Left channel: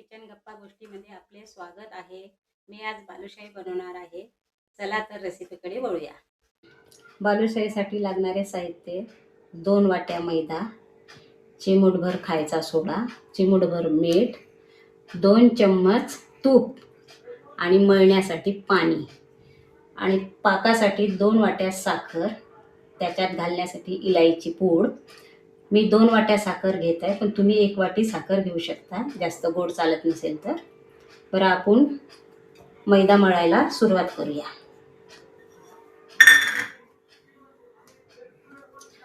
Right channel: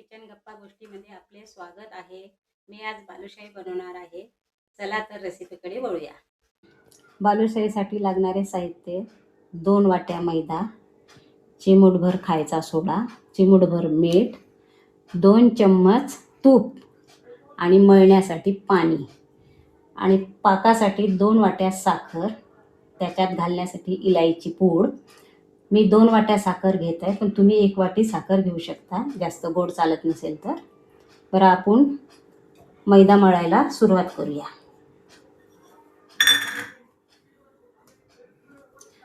Kitchen गप्पा गोष्टीमध्ये आपले स्वागत आहे। मी आज बालुशाही बनवणार आहे। चला तर रेसिपीकडे वळूया। बालुशाहीसाठी लागणारे साहित्य 2 वाट्या मैदा, चिमूटभर खायचा सोडा, चिमूटभर मीठ, 2 चम्मच तूप आणि मळण्यासाठी पाणी आणि पाकासाठी 2 वाट्या साखर, त्याच्यात घालण्यासाठी इलायची पूड। मी 2 वाट्या साखर घेत आहे, पण तुम्ही 1 वाटी साखर घेऊ शकता, जास्त गोड चालत नसेल तर। बरं, आपण मैदा मळायला सुरुवात करूया।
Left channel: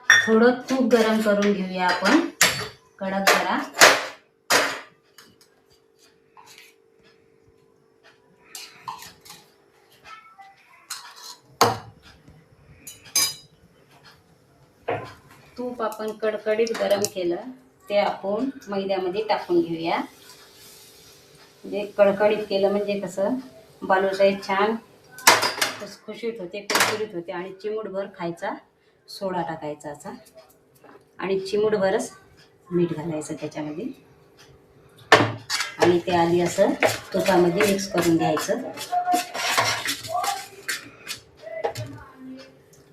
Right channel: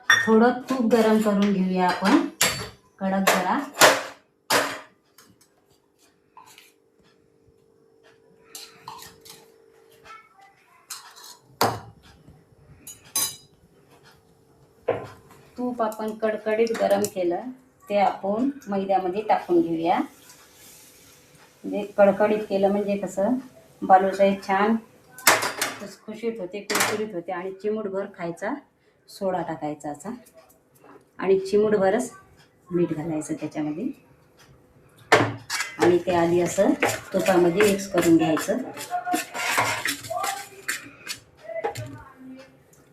थोडं तूप गरम करून घेऊया आपण, कडक जरा। तूप आपण कडकडीत गरम केलं ते आपण मैद्यामध्ये टाकून घेऊया। म्हणजे कडकडीत केलं म्हणजे कसं बालुशाही छान खुसखुशीत होते, कुरकुरीत होते। आणि चिमूटभर खायचा सोडा टाकायचा असा, आणि चिमूटभरच मीठ घालायचं त्याच्यामध्ये, आणि ते आधी असं तुपामध्ये मिक्स करून घ्यायचं।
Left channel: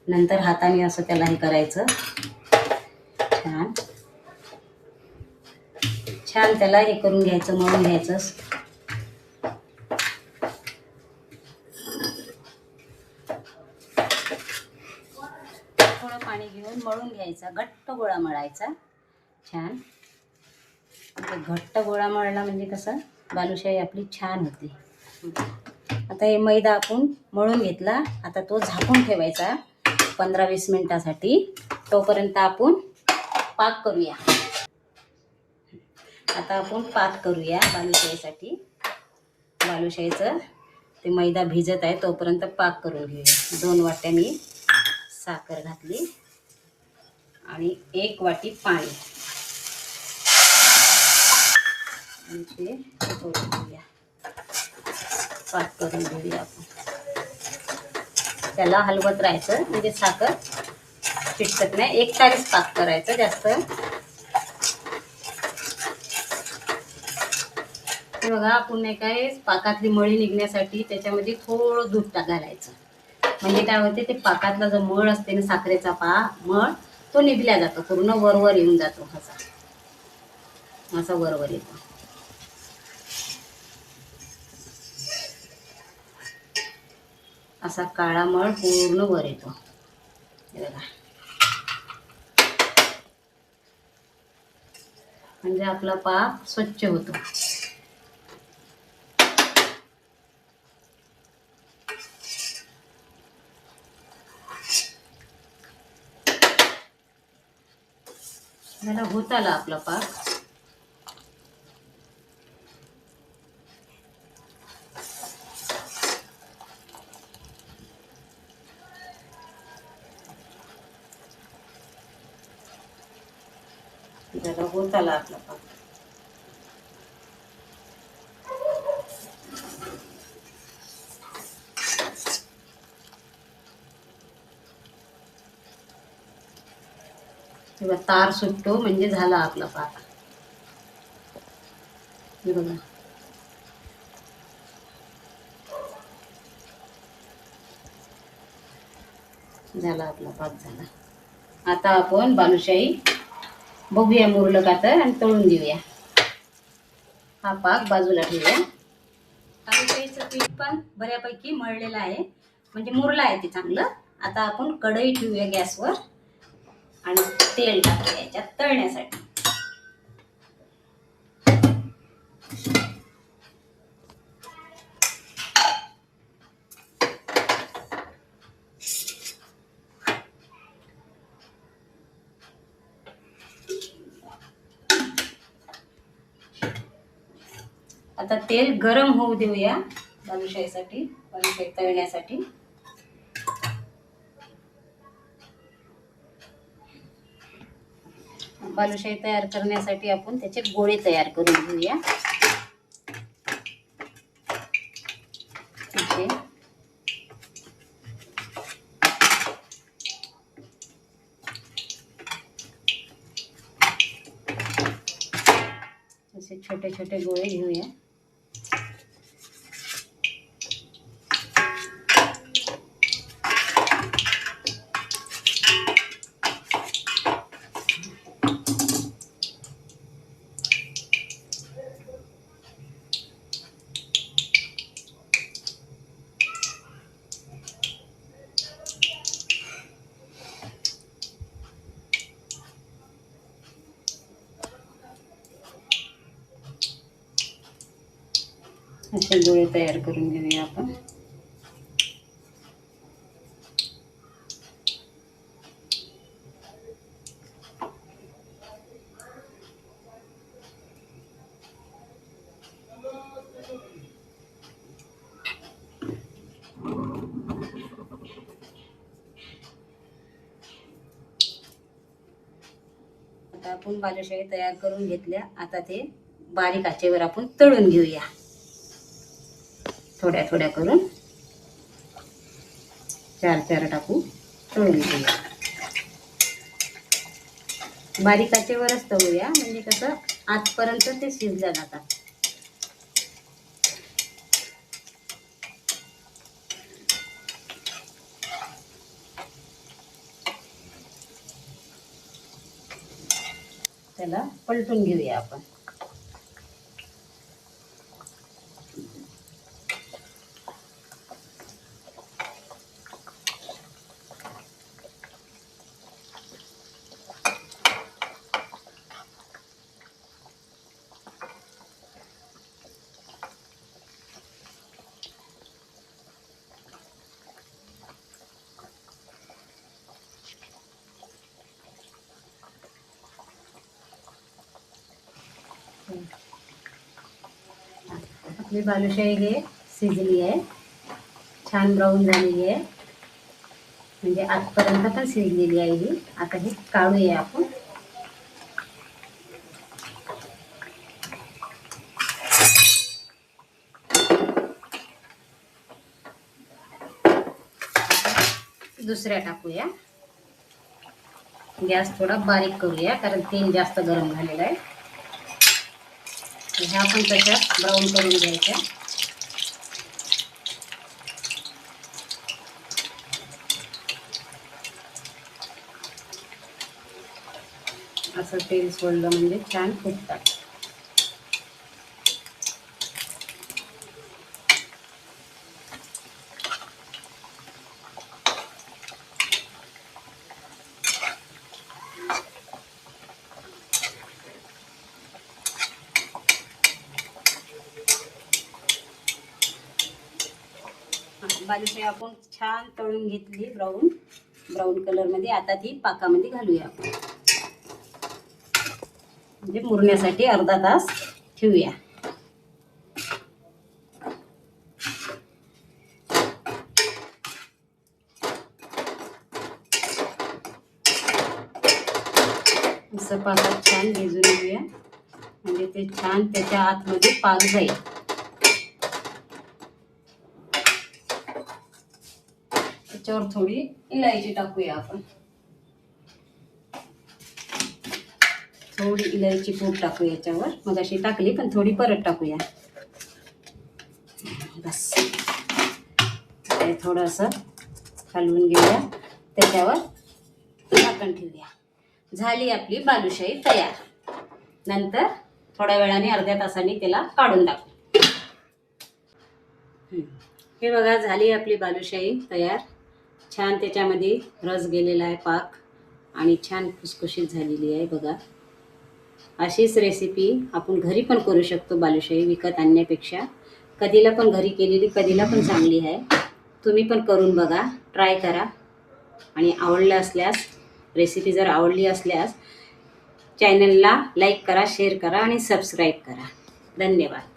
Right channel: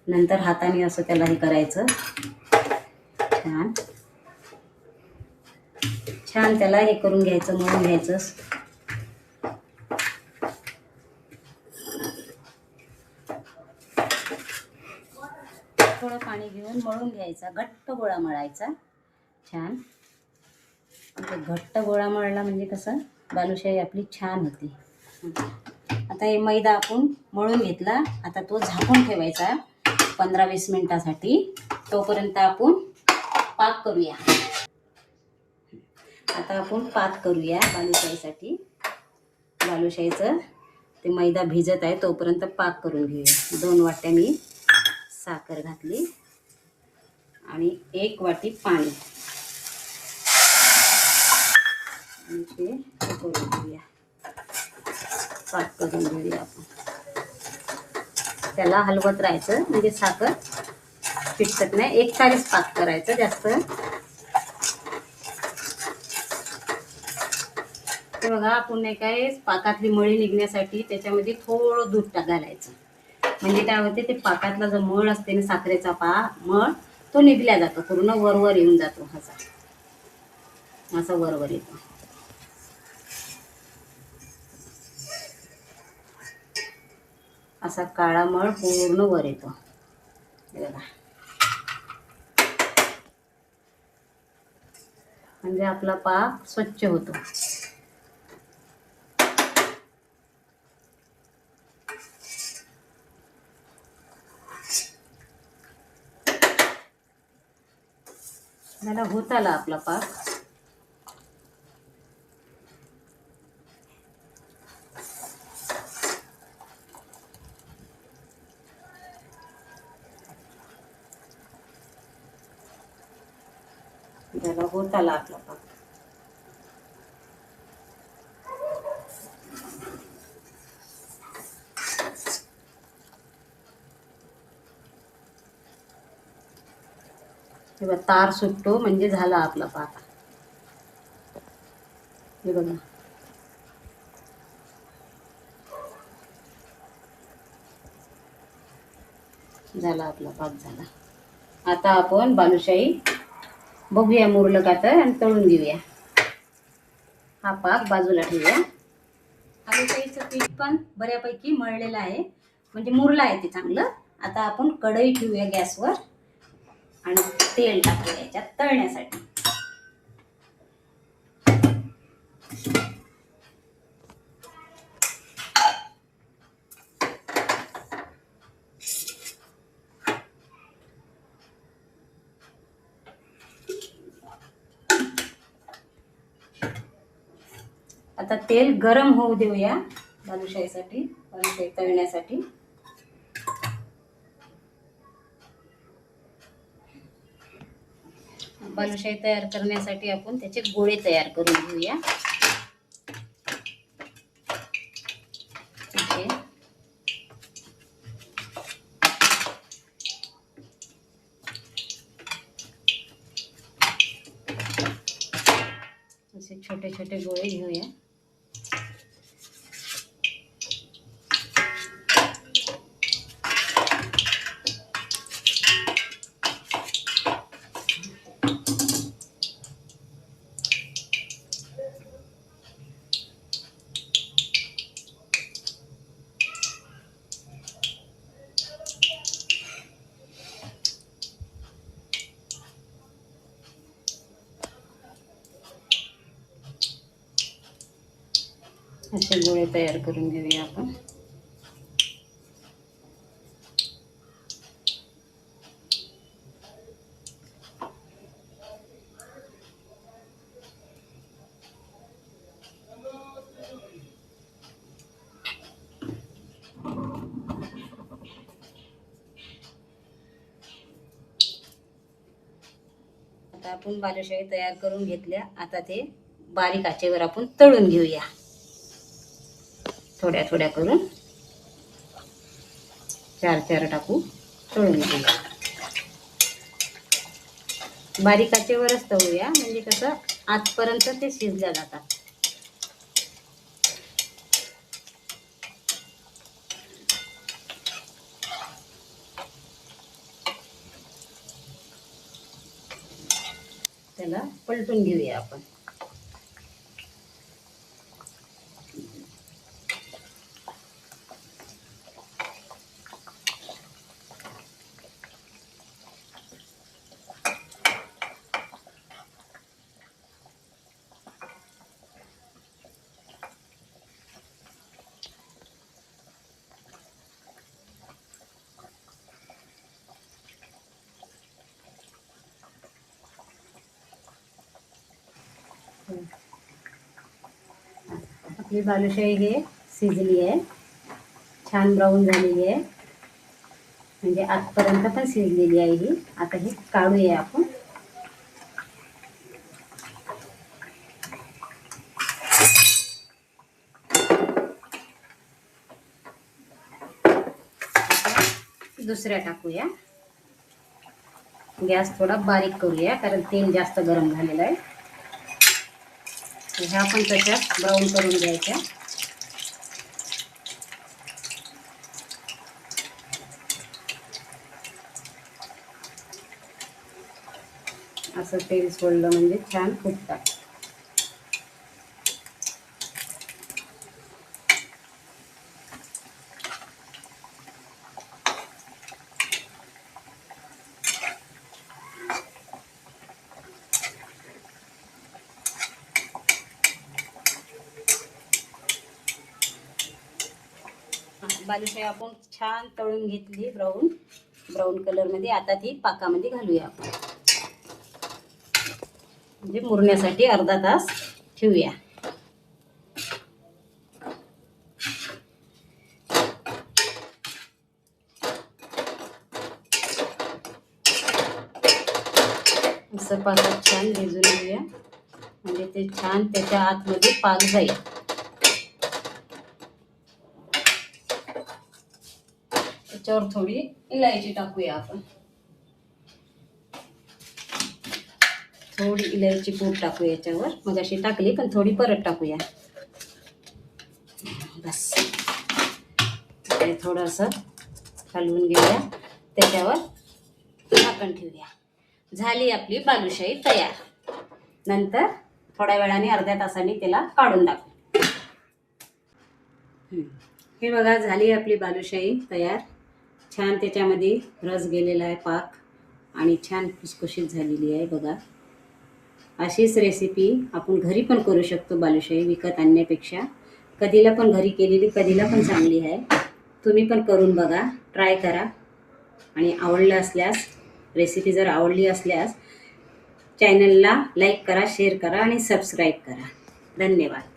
नंतर हाताने असं त्याला हे करायचं, छान छान त्याला हे करून घ्यायचं, मळून घ्यायचं। थोडं पाणी घेऊन मळून घ्यायचा, घट्ट गोळा मळायचा छान। घट्ट गोळा मळला म्हणजे कसं बालुशाही आपली छान होते। आता हे मैदा आपण मळून घेतला, आता तो झाकून ठेवायचा 15-20 मिनिटासाठी। तोपर्यंत आपण पाक करूया। आता आपण पाक करूया बालुशाहीसाठी। बालुशाहीचं ते मैदा भिजत आहे तोपर्यंत पाक करून घेऊया। 2 वाट्या मी साखर घातली आणि 1 वाटी पाणी, आणि ते करून घेऊया, पाक करून घेऊया आपण। त्याला हलवत राहायचं म्हणजे साखर चिटकत नाही, एकसारखीच पाक करायचं जास्त। हे बघा, आपण नाही काय पाकातली मळी निघण्यासाठी त्याच्यामध्ये थोडं दूध घालायचं, म्हणजे काय होते ते पाकातला जो मळ असते ना, साखरेचा मळ तो निघल्या जातो, पूर्ण वरवर येऊन जातो, असा वरवर येतो। असा काळा मळ पूर्ण वर येतो, हे बघा, म्हणजे आपला पाक स्वच्छ होतो। मला होत आला आपला पाक। त्याला होत आला आपला पाक। तेव्हा तार सुटतो म्हणजे झाला आपला पाक, हे बघा। झाला आपला पाक झाला। आता आपण बालुशाही बघूया मुरलं का तर, आणि तळून घेऊया। हा पाक बाजूला ठेवूया। बालुशाहीचं पीठ पण बऱ्यापैकी मळलेलं आहे, म्हणजे मुरलं आहे ते चांगलं। आता आपण कढई ठेवूया गॅसवर आणि तेल टाकूया याच्यात तळण्यासाठी। आता तेल गरम होऊ देऊया बालुशाहीसाठी, बालुशाही तळण्यासाठी। बालुशाही तयार करण्यासाठी आपण त्याचे गोळे तयार करून घेऊया। असे छोटे छोटे गोळे घेऊया. असे गोळे तयार करून घेऊया आपण. आता आपण बालुशाही तयार करून घेतल्या. आता ते बारीक आचेवर आपण तळून घेऊया. थोड्या थोड्या करून 4 टाकू तळून घेऊया. बारीक आचेवरच तळूया, म्हणजे कसं आजपर्यंत ते शिजल्या जातात. त्याला पलटून घेऊया आपण. आपली बालुशाही हे शिजली आहे, छान ब्राऊन झालेली आहे, म्हणजे आजपर्यंत पण शिजलेली आहे ही. आता ही काढूया आपण. दुसऱ्या टाकूया. गॅस थोडा बारीक करूया, कारण तेल जास्त गरम झालेलं आहे. ह्या पण तशाच ब्राऊन करून घ्यायच्या. असं तेल सोडलं म्हणजे छान फुटतात. बालुशाही आपण छान तळून घेतली ब्राऊन कलरमध्ये. आता ती पाकामध्ये घालूया आपण, म्हणजे मुरण्यासाठी अर्धा तास ठेवूया. असं पाकात छान भिजून घेऊया, म्हणजे ते छान त्याच्या आतमध्ये पाक जाईल. त्याच्यावर थोडी इलायची टाकूया आपण. थोडी इलायची पूड टाकू याच्यावर. मग अशी टाकली पण थोडी परत टाकूया. बस ते थोडंसं हलवून घेऊया. त्याच्यावर झाकण ठेवूया. झाली आपली बालुशाही तयार. नंतर थोड्या वेळाने अर्ध्या तासाने त्याला काढून टाकू. हे बघा, झाली आपली बालुशाही तयार. छान त्याच्यामध्ये रस गेलेला आहे, पाक, आणि छान खुसखुशीत झालेली आहे बघा. अशीच रेसिपी आपण घरी पण करू शकतो बालुशाही, विकत आणण्यापेक्षा. कधीला पण घरी केलेली कधीला पण चांगली आहे. तुम्ही पण करून बघा, ट्राय करा. आणि आवडलं असल्यास, रेसिपी जर आवडली असल्यास चॅनलला लाईक करा, शेअर करा आणि सबस्क्राईब करा. धन्यवाद.